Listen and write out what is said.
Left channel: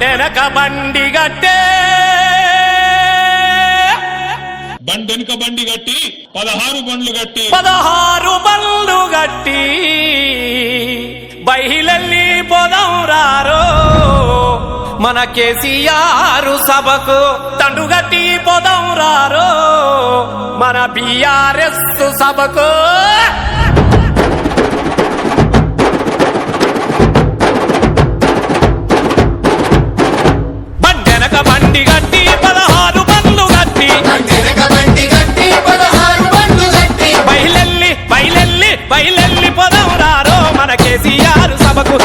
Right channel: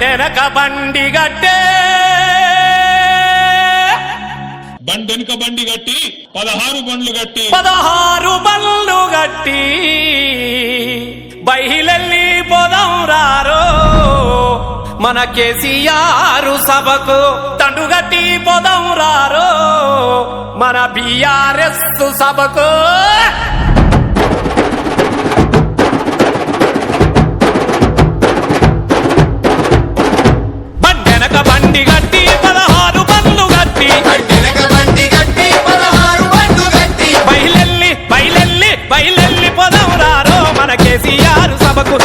బండెనక బండి గట్టే బండెనక బండి గట్టి 16 బండ్లు గట్టి 16 బండ్లు గట్టి బయలెల్లి పోదాం రారో మన కేసీఆర్ సభకు దండుగట్టి పోదాం రారో మన బీఆర్ఎస్ సభకు బండెనక బండి గట్టి 16 బండ్లు గట్టి బయలెల్లి పోదాం రారో మన కేసీఆర్ సభకు